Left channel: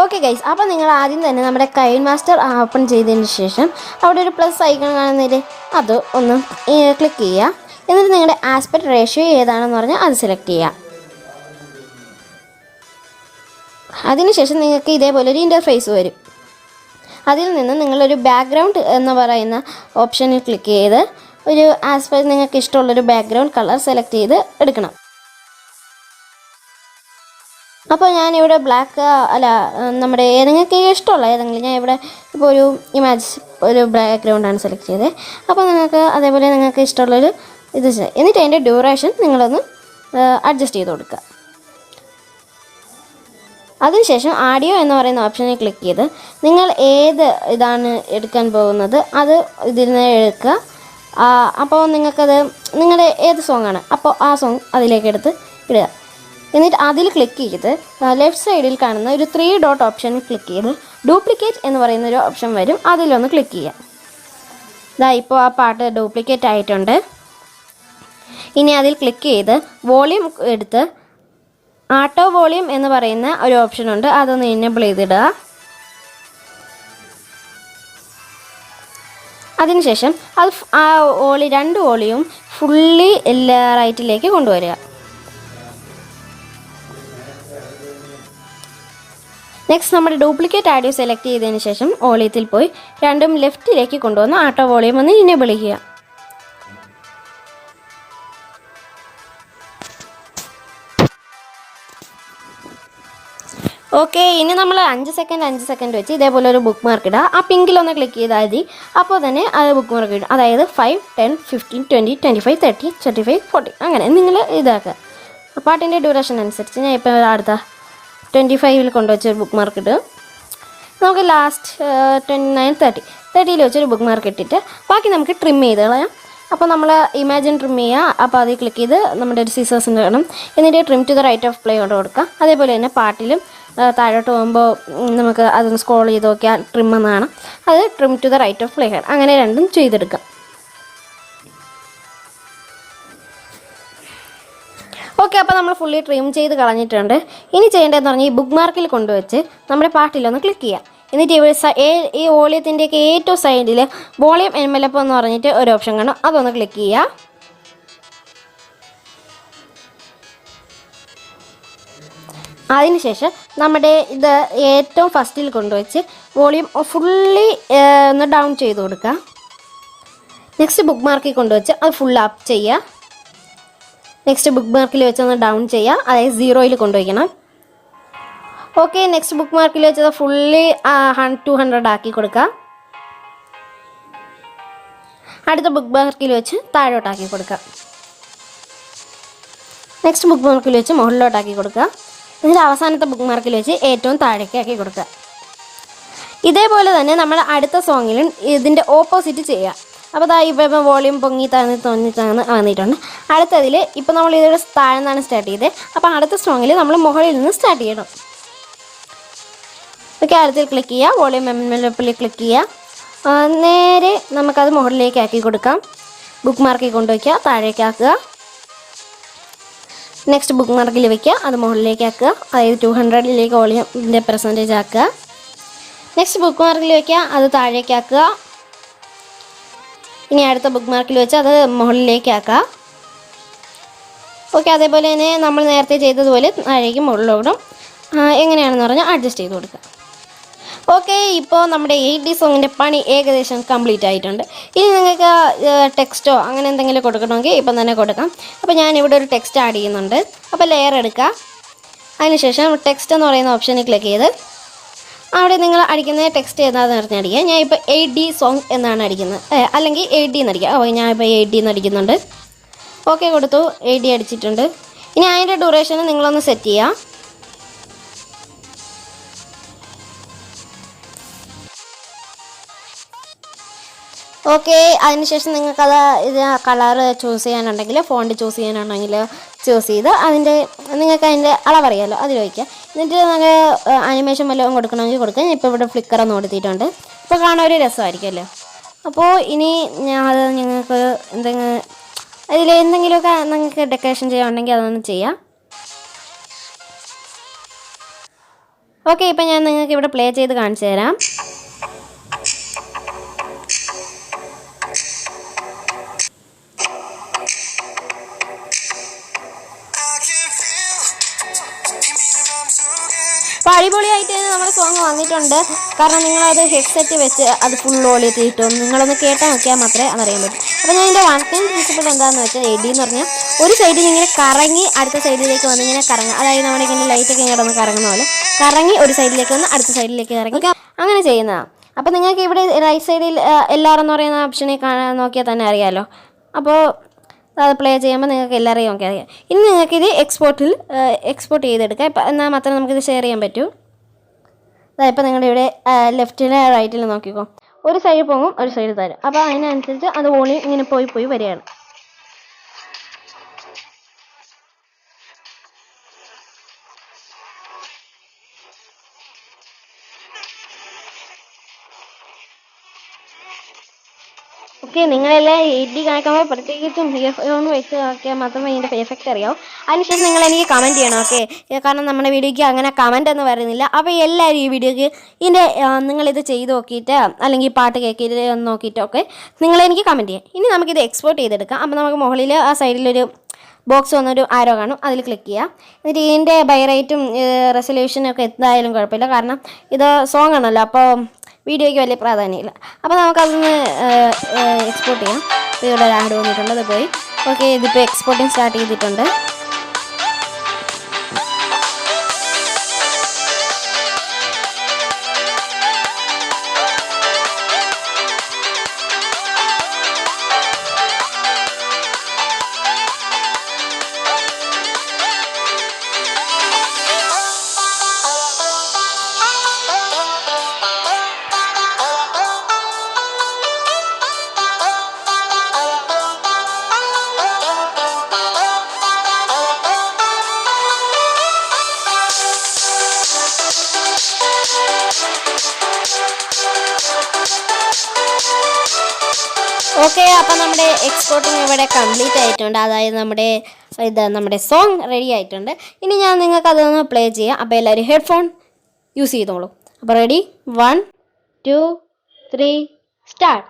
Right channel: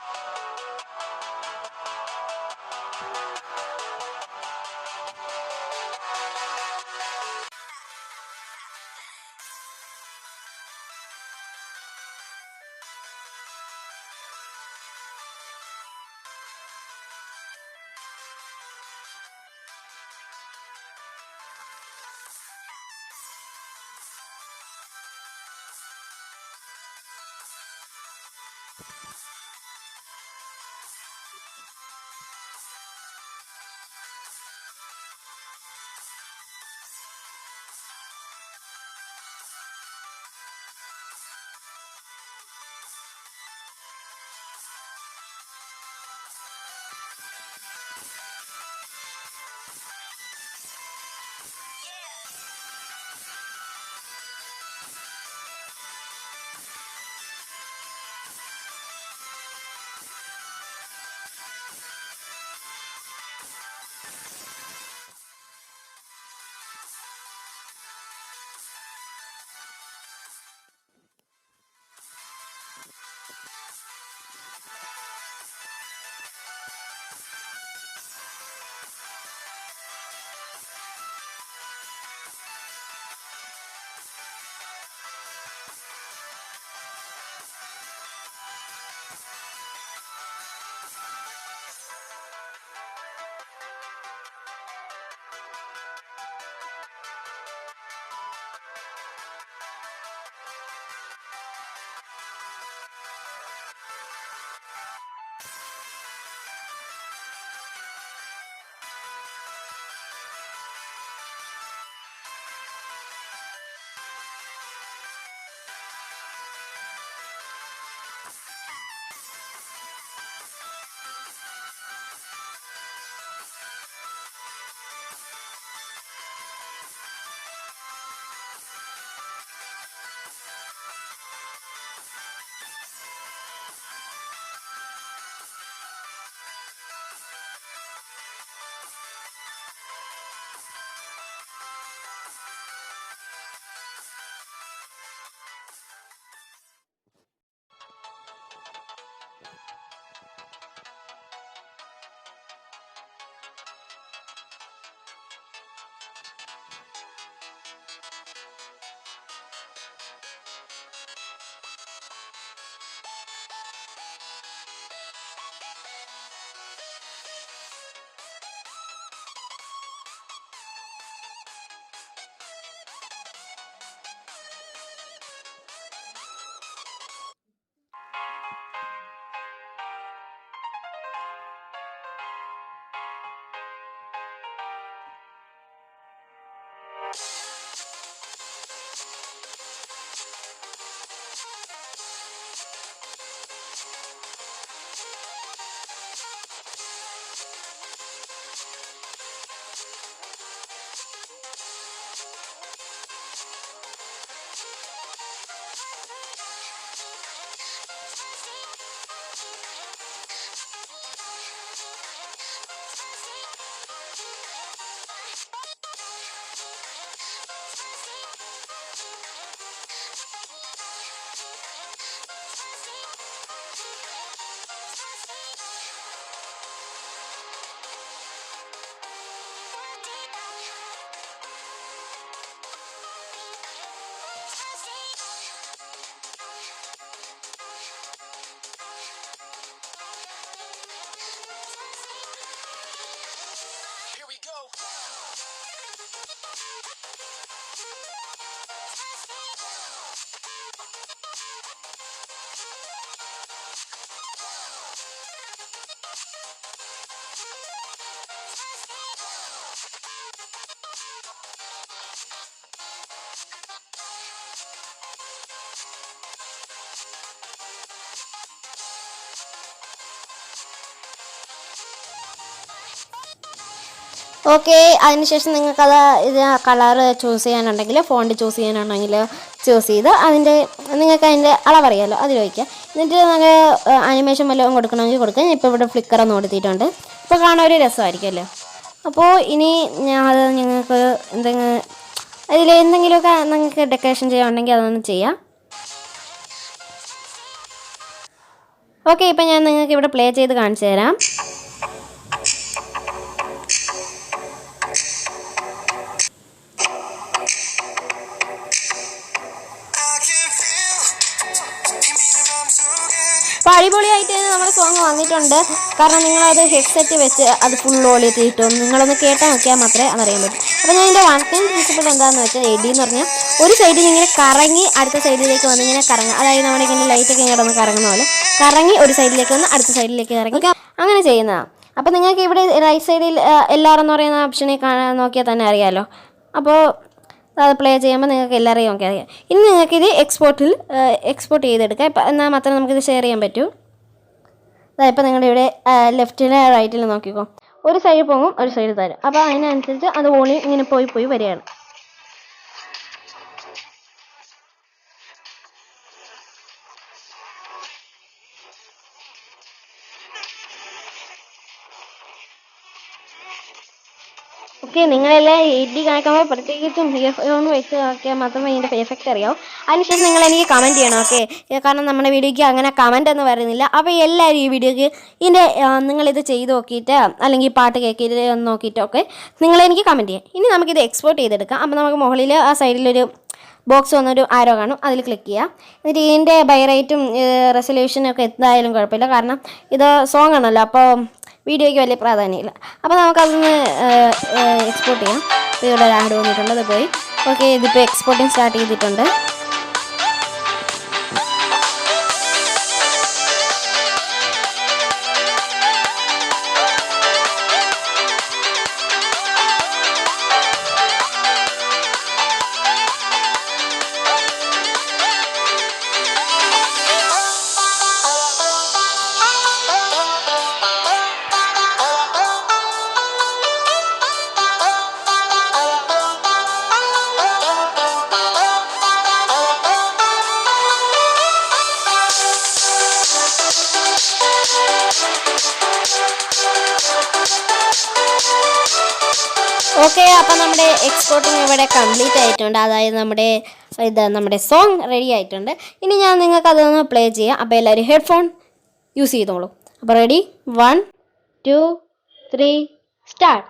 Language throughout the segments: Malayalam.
ഓക്കെ ഗൈസ്, അപ്പോൾ നിങ്ങൾ ആദ്യം തന്നെ നമ്മുടെ കൈൻ മാസ്റ്റർ ഓപ്പൺ ചെയ്തതിന് ശേഷം അവിടെ ഒരു പ്ലസ് ഐക്കൺ കാണുന്നതിൽ അത് ഒന്ന് ക്ലിക്ക് ചെയ്യുക. എന്നിട്ട് നിങ്ങളുടെ ആസ്പെക്ട് റേഷ്യോ ഏതാണെന്ന് പറഞ്ഞാൽ അത് സെലക്ട് ചെയ്യുക. അതിനുശേഷം നിങ്ങൾക്ക് ഇതേപോലെ ഒരു ഇൻ്റർഫേസ് വരും. അതിൽ നിന്ന് നിങ്ങളൊരു ബാക്ക്ഗ്രൗണ്ട് എന്ന് പറയുന്ന ഓപ്ഷനിൽ ക്ലിക്ക് ചെയ്ത് ഒരു ആസ്പെക്ട് നിങ്ങൾക്ക് ഇഷ്ടമുള്ളൊരു ബാക്ക്ഗ്രൗണ്ട് കളർ സെലക്ട് ചെയ്ത് എടുക്കണം. അപ്പോൾ ഞാനിവിടെ ബ്ലാക്ക് നമ്മുടെ നിങ്ങൾക്ക് ഇഷ്ടമുള്ള ഏതെങ്കിലും ഞാൻ ഇവിടെ ഇപ്പോൾ ഒരു ഇമേജ് ഒരു ബാക്ക്ഗ്രൗണ്ടാണ് സെലക്ട് ചെയ്തത്. അപ്പോൾ നിങ്ങൾക്ക് അതേപോലെ നിങ്ങൾക്ക് ഇഷ്ടമുള്ളൊരു ഇത് എന്നിട്ട് അതിൻ്റെ ഡ്യൂറേഷൻ നിങ്ങളൊന്ന് അഡ്ജസ്റ്റ് ചെയ്ത് കൊടുക്കുക. അതിനുശേഷം ആഡിയോ എന്ന് പറയുന്ന ഓപ്ഷനിൽ ക്ലിക്ക് ചെയ്ത് നിങ്ങൾ ഏത് ഇതാണ് എടുക്കാൻ പോകുന്നത് അത് ഇതിൽ നിന്ന് എടുക്കുക. അപ്പോൾ നിങ്ങൾക്കത് നിങ്ങളുടെ ഏത് സോങ്ങാണ് അപ്പോൾ ആ സോങ് അതിലേക്ക് എടുത്ത് ഇടുക. എന്നിട്ട് അതിൽ ക്ലിക്ക് ചെയ്ത് ലെഫ്റ്റ് സൈഡിൽ കാണുന്ന ഒരു 3 ഡോട്ട് ഓപ്ഷനിൽ ക്ലിക്ക് ചെയ്ത് ഡ്യൂപ്ലിക്കേറ്റ് എന്ന് പറയുന്നൊരു ഓപ്ഷൻ വരും, അതിലൊന്ന് ക്ലിക്ക് ചെയ്യുക. ഇപ്പോൾ ആ പാട്ട് ഡ്യൂപ്ലിക്കേറ്റ് ആയിട്ടുണ്ട്. ഇനി അതിൽ ക്ലിക്ക് ചെയ്ത് വോളിയം എടുത്ത് ആട്ടോ വോളിയം എന്ന് പറയുന്ന ഒരു ഓപ്ഷനുണ്ട്, അതൊന്ന് എനേബിൾ ചെയ്തിടുക. അതിനുശേഷം അത് ആ രണ്ട് വോളിയും ഫുള്ളി റൈറ്റിലേക്ക് കൊണ്ടുവരിക. നെക്സ്റ്റ് നമ്മുടെ ഡ്യൂപ്ലിക്കേറ്റ് ആഡിയോ സെലക്ട് ചെയ്തതിന് ശേഷം വോളിയത്തിൽ പോയി രണ്ടും ലെഫ്റ്റിലേക്ക് കൊണ്ടുവന്ന് ആട്ടോ വോളിയം ഒന്ന് എനേബിൾ ചെയ്യുക. ഓക്കെ, ഇനി നമ്മൾ 5 സെക്കൻഡ് വെച്ച് ഇതേപോലെ ഒരു ബുക്ക് മാർക്ക് ഇടുക. ആ പിങ്കിലൊന്ന് ക്ലിക്ക് ചെയ്താൽ മതി. അപ്പോൾ തന്നെ അത് ബുക്ക് മാർക്ക് ഇടും. അതായത് 5, 10, 15, 20, 25, 30, 35, 40 അങ്ങനെ നിങ്ങൾ ഇതാക്കുക. പാട്ടിൻ്റെ ഡ്യൂറേഷൻ അനുസരിച്ച് ഞാൻ ഇപ്പോൾ അടുത്ത 25 കൊണ്ടുവച്ചൊരു ബുക്ക് മാർക്ക് ഇട്ട് നമുക്ക് ലാസ്റ്റ് 29, 30 വെച്ചൊരു ബുക്ക് മാർക്ക് ഇട്ടിട്ട് ബാക്കി നമുക്ക് ട്രിം ചെയ്ത് കളയാം. അപ്പോൾ നമ്മൾ ഇമാജിൻ ട്രിം ചെയ്യുക. അപ്പോൾ അതിൽ ക്ലിക്ക് ചെയ്ത് നമ്മുടെ ഒരു സീസേഴ്സിൻ്റെ വേണം. എന്നിട്ട് trim to the right of play കൊണ്ട് കൊടുക്കാം. അതേപോലെ തന്നെ പാട്ടിലും താഴോട്ട് പോകുമ്പോൾ നമുക്ക് അതൊന്ന് സ്ക്രോൾ ചെയ്ത് നോക്കിയാൽ ട്രിം എന്നാണ്, അത് trim to the right of play ആണ്. അങ്ങനെ രണ്ടും ചെയ്തെടുക്കാം. ഓക്കെ, അപ്പോൾ നമ്മൾ ഫുള്ളി ട്രിം ചെയ്ത് കളഞ്ഞിട്ടുണ്ട്. ഇനി ചെയ്യേണ്ടതെന്ന് പറഞ്ഞാൽ ഈ ബുക്ക് മാർക്കിൽ കൊണ്ടുവച്ച് നമ്മുടെ പാട്ടിലൊന്ന് ക്ലിക്ക് ചെയ്യാം. എന്നിട്ട് ഈ വോളിയത്തിൻ്റെയൊക്കെ ഏറ്റവും സൈഡിൽ വോളിയം എൻവലപ്പ് എന്ന് പറഞ്ഞിട്ട് ഒരു ഓപ്ഷൻ കാണും, അതൊന്ന് ക്ലിക്ക് ചെയ്യുക. അതിനുശേഷം നമ്മുടെ ഇത് ഏറ്റവും ഫസ്റ്റിൽ കൊണ്ടുവച്ച് വോളിയം ഫുള്ളി ഒന്ന് ഡൗൺ ചെയ്ത് കൊടുക്കുക. നെക്സ്റ്റ് ബുക്ക് മാർക്കിൽ കൊണ്ടുവച്ച് അത് ഫുൾ അപ്പ് ചെയ്യുക. നെക്സ്റ്റ് ബുക്ക് മാർക്കിൽ വെച്ചൊന്ന് ഡൗൺ ചെയ്യുക, അതായത് 0 കൊണ്ടുവയ്ക്കണം. ഓക്കെ, നെക്സ്റ്റ് ബുക്ക് മാർക്കിൽ വെച്ചത് ഫുള്ളി 200 ആക്കി കൊടുക്കുക. അടുത്ത ബുക്ക് മാർക്കിൽ വെച്ച് താഴോട്ടാക്കി കൊടുക്കുക. നെക്സ്റ്റ് ബുക്ക് മാർക്കിൽ വെച്ച് മുകളിലോട്ടാക്കി കൊടുക്കുക. എന്നിട്ട് അവസാനത്തെ ബുക്ക് മാർക്കിൽ വെച്ച് ഏറ്റവും താഴേക്ക് ആക്കി കൊടുക്കുക. ഇതേപോലെ തന്നെ നമ്മൾ അടുത്ത സോങ്ങിലും ഇതിൻ്റെ ഓപ്പോസിറ്റ് ചെയ്യുക. അപ്പോൾ ഇപ്പോൾ വോളിയം പൊങ്ങി തോന്നിട്ടാണ് വന്നിട്ടുണ്ട്. അടുത്തതിൽ ഇപ്പോൾ നമ്മൾ ഇതൊരു താഴ്ന്നാണ് സ്റ്റാർട്ട് ചെയ്തത്. അപ്പോൾ അടുത്ത സോങ്ങിൽ നമ്മൾ മുകളിൽ നിന്ന് സ്റ്റാർട്ട് ചെയ്യണം. ഓക്കെ, അടുത്ത് ക്ലിക്ക് ചെയ്യുക, വോളിയം എൻവലപ്പിൽ ക്ലിക്ക് ചെയ്യുക. നേരെ നമുക്കത് മുകളിലേക്ക് ആക്കി കൊടുക്കാം. ബുക്ക് മാർക്കിൽ കൊണ്ടുവയ്ക്കുക, താഴേക്കാക്കുക. നെക്സ്റ്റ് ബുക്ക് മാർക്കിൽ വയ്ക്കുക, അത് മുകളിലേക്ക് ആക്കുക, അതായത് 200 വോളിയത്തിൻ്റെ പെർസെൻറ്റേജ് ആക്കുക. നെക്സ്റ്റ് ബുക്ക് മാർക്കിൽ വയ്ക്കുക, അത് താഴേക്കാക്കുക. ഇനി അടുത്ത ബുക്ക് മാർക്കിൽ വെച്ച് അത് മുകളിലേക്ക് ആക്കാം. ഓക്കെ, അതേപോലെ തന്നെ നമ്മൾ നേരത്തെ ചെയ്തതുപോലെ താഴേക്ക് മുകളിലോടും എങ്ങനെയാണെന്ന് പറഞ്ഞാൽ അഡ്ജസ്റ്റ് ചെയ്ത് കൊടുക്കുക. ഓക്കെ, ഇപ്പോൾ നമ്മുടെ 80 സോങ്ങിൻ്റെ പണി ഏകദേശം കംപ്ലീറ്റ് ആയിട്ടുണ്ട്. ഇനി നിങ്ങൾക്ക് ടെക്സ്റ്റോ അങ്ങനെ എന്തെങ്കിലും കൊടുക്കണമെങ്കിൽ ഇപ്പം തന്നെ കൊടുക്കാം. അപ്പോൾ ഞാനിവിടെ ഒരു ടെക്സ്റ്റ് ആഡ് ചെയ്യുന്നുണ്ട്. അപ്പോൾ ലെയർ എടുക്കുക. അതിനുശേഷം ടെക്സ്റ്റ് എന്ന് പറയുന്ന ഓപ്ഷനിൽ ക്ലിക്ക് ചെയ്ത് അവിടെ നിങ്ങൾ അടിക്കുന്ന ടെക്സ്റ്റ് ഏതാണെന്ന് പറഞ്ഞടിക്കുക. ഞാൻ ഇപ്പോൾ 8D സോങ് എന്നാണ് അടിക്കുന്നത്, അല്ലെങ്കിൽ 8D എന്ന് അടിക്കുക. അപ്പോൾ ഞാനിപ്പോൾ 8D എന്ന് അടിക്കുന്നുണ്ട്. ഓക്കെ കൊടുത്തു, 8D അടിച്ചിട്ടുണ്ട്. ഇനി അതിൻ്റെ ഡ്യൂറേഷൻ നിങ്ങളൊന്ന് സെറ്റ് ചെയ്യുക. ഓക്കെ, അതിനുശേഷം നിങ്ങൾക്കത് ഇത് കളറ് ചൂസ് ചെയ്യാനുണ്ടെങ്കിൽ ഫോണ്ട് ചൂസ് ചെയ്യാനുണ്ടെങ്കിൽ ചൂസ് ചെയ്ത് നിങ്ങൾക്ക് അതിൻ്റെ അളവറിയാമല്ലോ, അതിൽ വയ്ക്കുക. എന്നിട്ട് നമുക്ക് ആനിമേഷൻ വല്ലതും കൊടുക്കണമെങ്കിൽ കൊടുക്കുക. ഞാൻ ഇപ്പോൾ ഇവിടെ ഫ്ലിക്കർ ഒന്ന് കൊടുത്തിട്ടുണ്ട്. ഇപ്പോൾ കാണാൻ ഒരു രസമായിരിക്കുമല്ലോ. അപ്പോൾ ഇനി അത് നിങ്ങൾക്ക് എന്തെങ്കിലുമൊക്കെ നിങ്ങൾക്ക് ഡെക്കറേഷൻ ചെയ്യാനുണ്ടെങ്കിൽ അതൊന്ന് ചെയ്യാം. ഓക്കെ, ഇപ്പം ഞാൻ നിങ്ങൾക്ക് ഇവിടെ പ്ലേ ചെയ്ത് കാണിച്ചു തരാം. അപ്പോൾ അടിപൊളിയായിട്ട് നമ്മുടെ സോങ് വന്നിട്ടുണ്ട്. കാരണം നിങ്ങളത് ഹെഡ്സെറ്റ് വെച്ച് അത് ഫുൾ വോളിയത്തിൽ ഇട്ടും നിങ്ങളൊന്ന് കേട്ടാൽ നോക്കിയാൽ മാത്രമേ അതറിയാൻ പറ്റൂ. അപ്പോൾ ഞാൻ ഇതിൻ്റെ വൺ ടൈം പ്രിൻസിപ്പിൾ എന്താണെന്ന് വെച്ചാൽ എഡി എന്ന് പറഞ്ഞാൽ ഒരു സൈഡിൽ ഇങ്ങനെ കറങ്ങി അടുത്ത സൈഡിലേക്ക് വന്ന് ഇങ്ങനെ കറങ്ങുക. അതായത് നമ്മുടെ ഇങ്ങനെ ലൈറ്റൊക്കെ ഇങ്ങനെ ഒന്ന് കറങ്ങുന്ന പോലെ കറങ്ങി ഒരു സൈഡിലേക്ക് വന്ന് അടുത്ത സൈഡിലേക്ക് ഇറങ്ങി അങ്ങനെ ചെയ്യുന്നതാണ്. അപ്പോൾ നിങ്ങൾക്ക് ഇവിടെ റൈറ്റ് സൈഡിൽ എല്ലാവരും എന്ന് പറയുന്ന ഓപ്ഷനെ നോക്കിയാൽ തന്നെ അറിയാമല്ലോ. അപ്പോൾ അത് പ്ലേ ചെയ്യുമ്പോൾ നിങ്ങൾക്ക് എല്ലാവരെയും ഒക്കെ അറിയാം. ഇനി നിങ്ങൾക്കിത് എക്സ്പോർട്ട് ചെയ്തെടുക്കാം. ഇപ്പം എന്നാൽ മാത്രമേ നമുക്കിത് ഷെയർ ചെയ്യാൻ പറ്റൂ. ഇപ്പം നിങ്ങളുടെ ഇവിടെ ലെഫ്റ്റിൽ റൈറ്റിൽ നോക്കിക്കോ, ഒരു സൈഡ് പോകും ഒരു സൈഡ് തരും. അപ്പോൾ അതിനനുസരിച്ച് അത് വോളിയം ഇങ്ങനെ പോയി വരികയാണ്. ഓക്കെ, നിങ്ങളെല്ലാം എഡി കാണിക്കുമ്പോൾ പ്രത്യേകിച്ചും ഇയർഫോൺ വെച്ച് നോക്കിയാൽ മാത്രമേ ഇതിൻ്റെ എഫക്റ്റ് അറിയാവും. അതിനുശേഷം നിങ്ങൾ എനിക്ക് കമൻറ്റ് ചെയ്യണം. ഓക്കെ, കാരണം നമ്മുടെ വീഡിയോയ്ക്ക് അങ്ങനെ കമൻ്റ് ഒന്നും വരുന്നില്ല. അപ്പോൾ എല്ലാവരും ഈ വീഡിയോയ്ക്ക് ഇതിൻ്റെ നിങ്ങളിത് ചെയ്ത് നോക്കിയിട്ട് അല്ലെങ്കിൽ പാട്ട് കേൾക്കിയിട്ട് നോക്കിയിട്ടൊക്കെ നിങ്ങളെനിക്ക് കമൻറ്റ് ചെയ്യാം. ഇനി നമുക്കിത് എക്സ്പോർട്ട് ചെയ്തെടുക്കാം. അപ്പോൾ നമുക്ക് മുകളിൽ ആ സൈഡിലൊരു ബോക്സ് വന്നൊരു ആരോ കാണും, അതിൽ ക്ലിക്ക് ചെയ്യുക. എന്നിട്ട് ഇതിൻ്റെ ബൈറേറ്റും റെസൊല്യൂഷനും ഒക്കെ എന്തായാലും കുഴപ്പമില്ല, കാരണം ഇത് സോങ് ആണല്ലോ, അപ്പോൾ വീഡിയോയ്ക്ക് വലിയ പ്രാധാന്യമില്ല. അപ്പോൾ നമുക്കതൊന്ന് എക്സ്പോർട്ട് ചെയ്യാം. ഇവിടെ ആഡ് വന്നിട്ടുണ്ട്, അത് പോയി. ഓക്കെ, ഇതിപ്പോൾ എക്സ്പോർട്ടിങ് സ്റ്റാർട്ട് ചെയ്തിട്ടുണ്ട്. ഓക്കെ, അപ്പോൾ നമ്മുടെ എക്സ്പോർട്ടിങ് ഇവിടെ കംപ്ലീറ്റ് ആയിട്ടുണ്ട്. അതായത് നമ്മുടെ സോങ് റെഡി ആയിട്ടുണ്ട്. ഇനി ഞാൻ നിങ്ങൾക്ക് അതൊന്ന് പ്ലേ ചെയ്യാം. അപ്പോൾ എല്ലാവരും ഹെഡ്ഫോൺ യൂസ് ചെയ്തോളൂ. അപ്പോൾ റെഡി, 1 2 3 സ്റ്റാർട്ട്.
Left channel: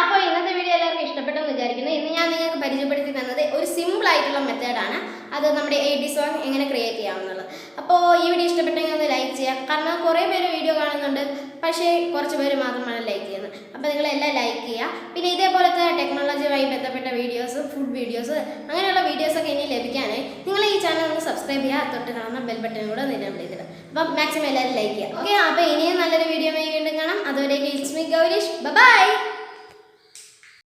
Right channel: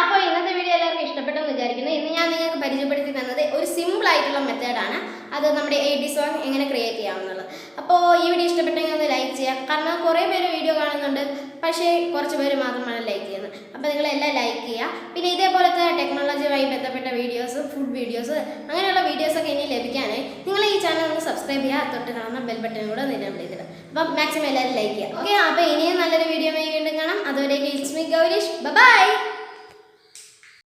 അപ്പോൾ ഇന്നത്തെ വീഡിയോ എല്ലാവർക്കും ഇഷ്ടപ്പെട്ടെന്ന് വിചാരിക്കുന്നു. ഇന്ന് ഞാൻ നിങ്ങൾക്ക് പരിചയപ്പെടുത്തി തന്നത് ഒരു സിമ്പിൾ ആയിട്ടുള്ള മെത്തേഡാണ്. അത് നമ്മുടെ എഡി സോങ് എങ്ങനെ ക്രിയേറ്റ് ചെയ്യാമെന്നുള്ളത്. അപ്പോൾ ഈ വീഡിയോ ഇഷ്ടപ്പെട്ടെങ്കിൽ ഒന്ന് ലൈക്ക് ചെയ്യാം. കാരണം കുറേ പേര് വീഡിയോ കാണുന്നുണ്ട്, പക്ഷേ കുറച്ച് പേര് മാത്രമാണ് ലൈക്ക് ചെയ്യുന്നത്. അപ്പോൾ നിങ്ങളെല്ലാം ലൈക്ക് ചെയ്യുക. പിന്നെ ഇതേപോലത്തെ ടെക്നോളജിയുമായി ബന്ധപ്പെട്ട വീഡിയോസ്, ഫുഡ് വീഡിയോസ്, അങ്ങനെയുള്ള വീഡിയോസൊക്കെ ഇനി ലഭിക്കാനായി നിങ്ങൾ ഈ ചാനൽ ഒന്ന് സബ്സ്ക്രൈബ് ചെയ്യുക. തൊട്ട് കാണുന്ന ബെൽ ബട്ടൺ കൂടെ നിലവിൽ ചെയ്തിടുക. അപ്പം മാക്സിമം എല്ലാവരും ലൈക്ക് ചെയ്യുക. ഓക്കെ, അപ്പോൾ ഇനിയും നല്ലൊരു വീഡിയോ വീണ്ടും കാണാം. അതുവരേക്കും ഇറ്റ്സ് മീ ഗൗരീഷ്. ബൈ.